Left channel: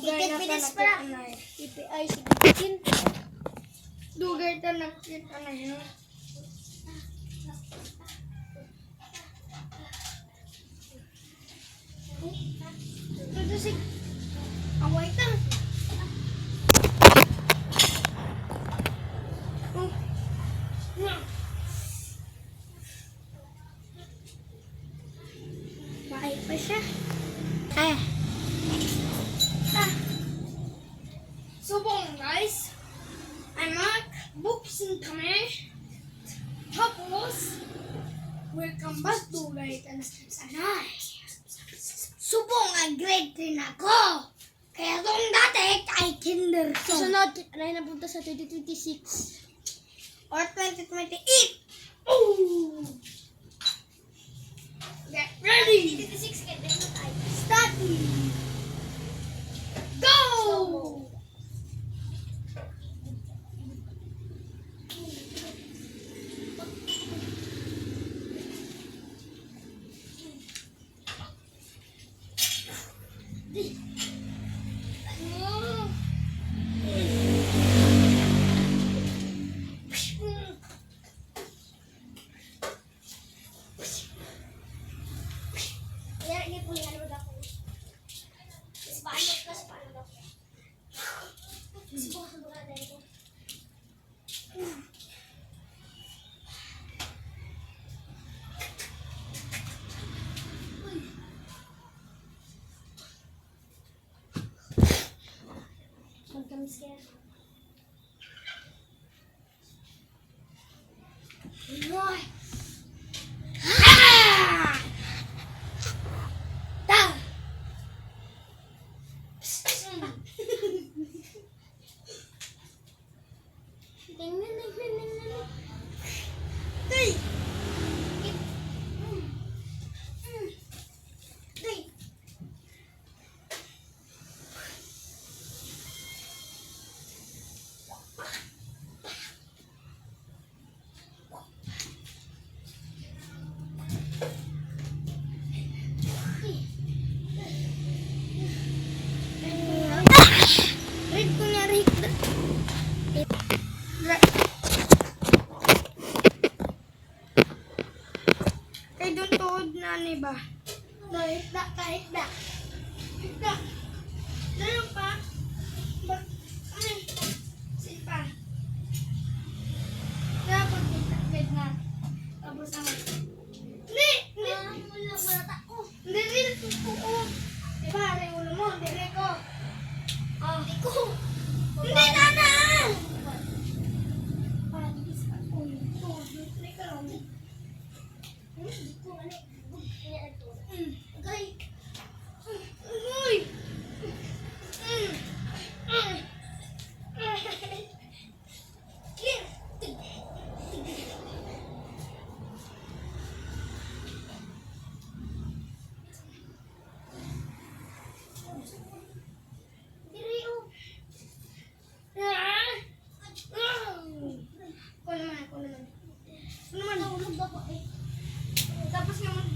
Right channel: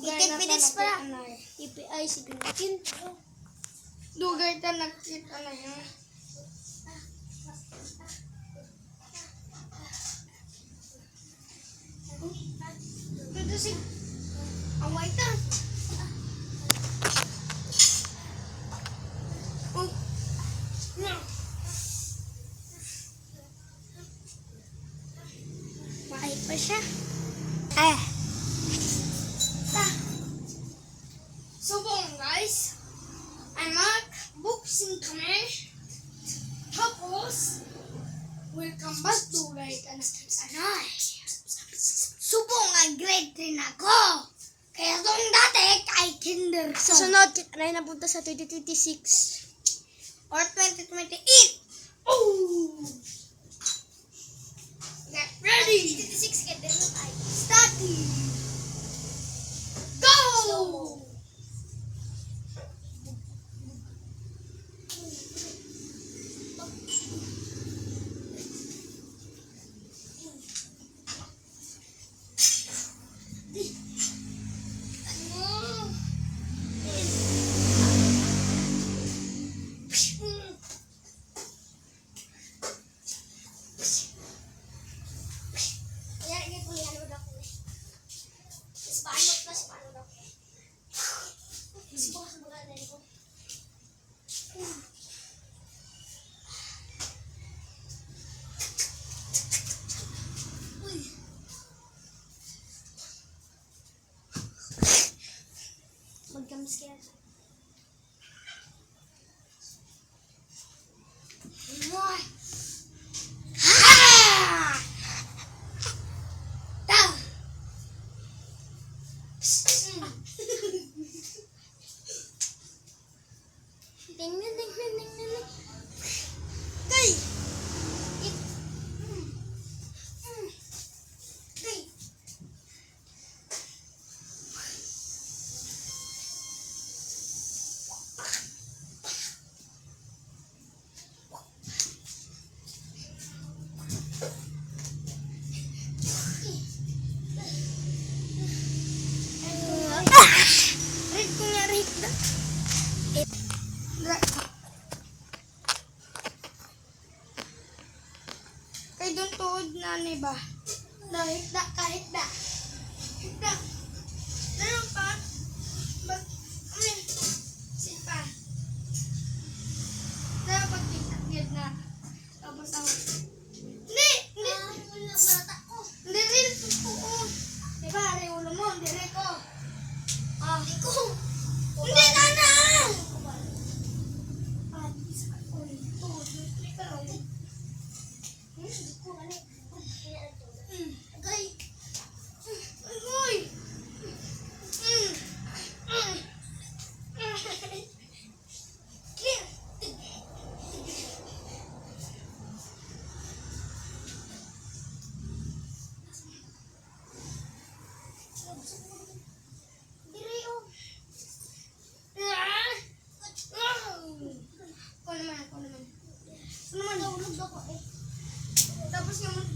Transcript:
Dugay na pa na KPI si Kikin. Dugay ta nakita na yun. Ito si away ta. Maay pa siya. Subong guys, ay mag-boxing kami. Tapos, welcome back to Right and Sanay. Subong ay grade 3 ako. Kaya doon dati ay kinder. Sunod, ay napunta sa 2026. Or 2028. Oh! Get ready! 2026, get ready na tayo. Study! Go! Magkamiskin. Roy! Ha! Ta! Tingnan. Tay! Red ko nga, red. Tay doon tuod na ni ba? Kahit da. Hikda. Dalam pa. Sipa. Dapat kita na. Tapos ang Hindi. Wala tako. Hindi rin ko. Diba, rin ulo mo. Hindi rin ko. Hindi na! Tapos naman,